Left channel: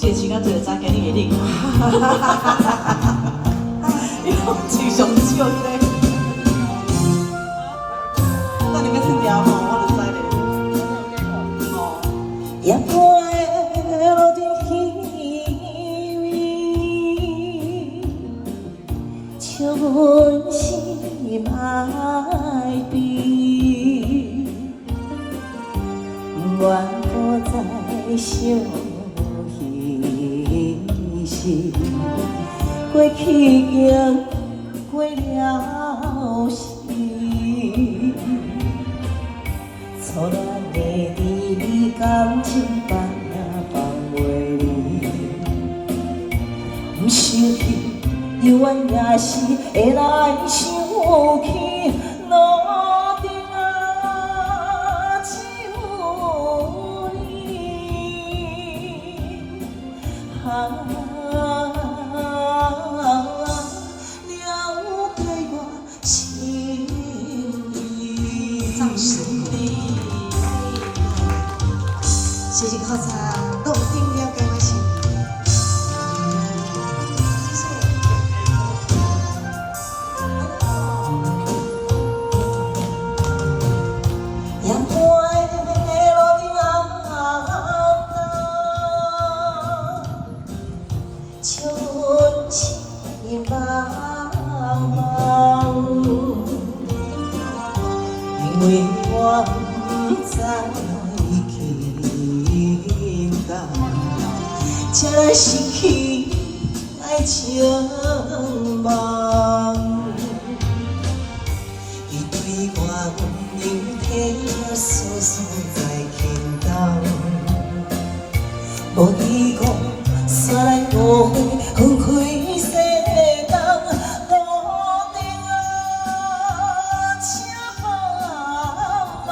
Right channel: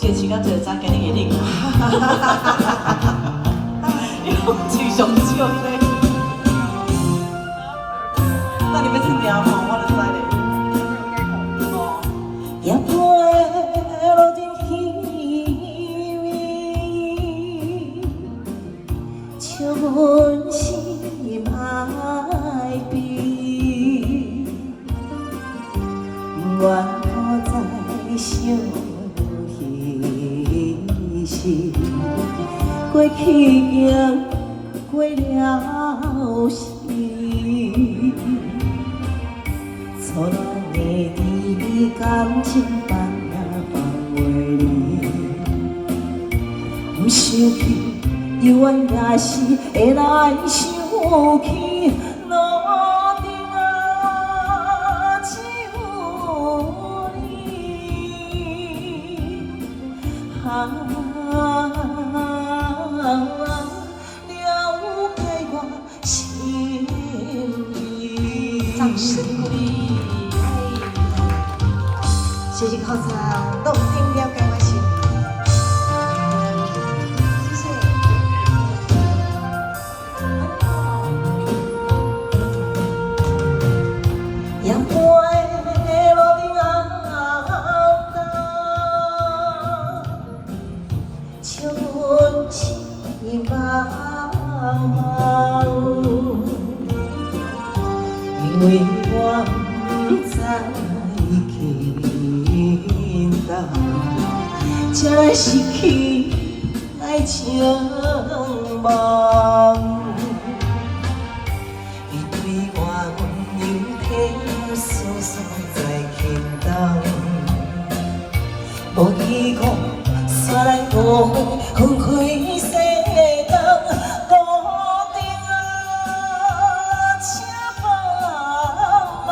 这时间就会知今日的你，伊拢非常少咧。那你要听听吼，我就知咧。哦，夜半落地稀微，像是歹悲，愿不再想。 过去已过了时，错乱的你感情放放袂离，不想起，犹原也是会来想起。 谢谢考场，动听了解我心意。谢谢。阳光落地啊，春情茫茫，因为我不在。 才失去爱情梦，伊对我温柔体诉诉在轻动，无依我煞来误会，分开世间，孤单啊，且茫茫。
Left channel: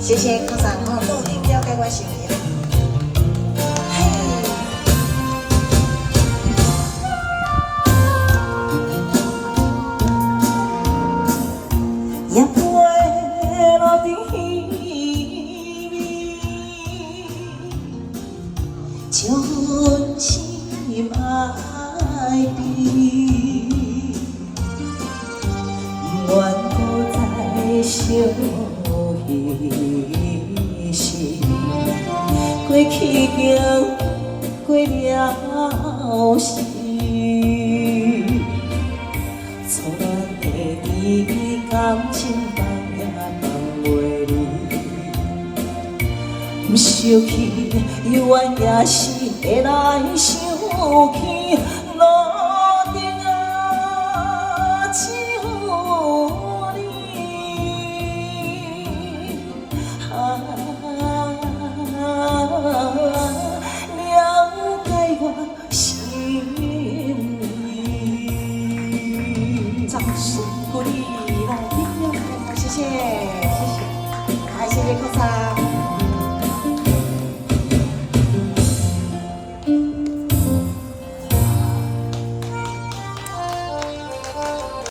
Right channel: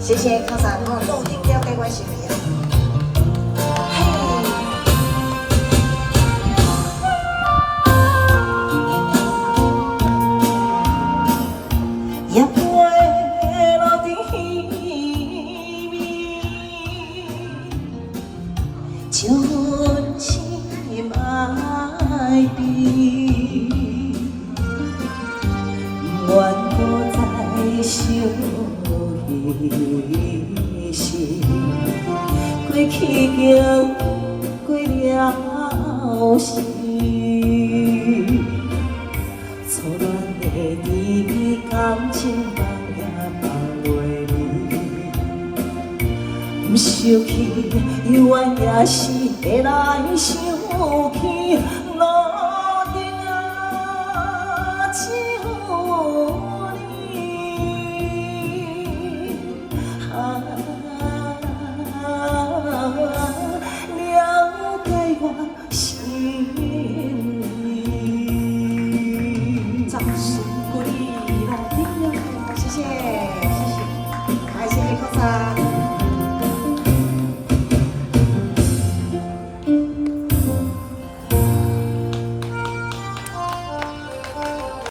谢谢考场，我动听了解我心意。夜半落地稀微，像是歹悲，愿不再想。 是过去已过了时，错乱的你感情放也放袂离，不想起，犹原也是会来想起。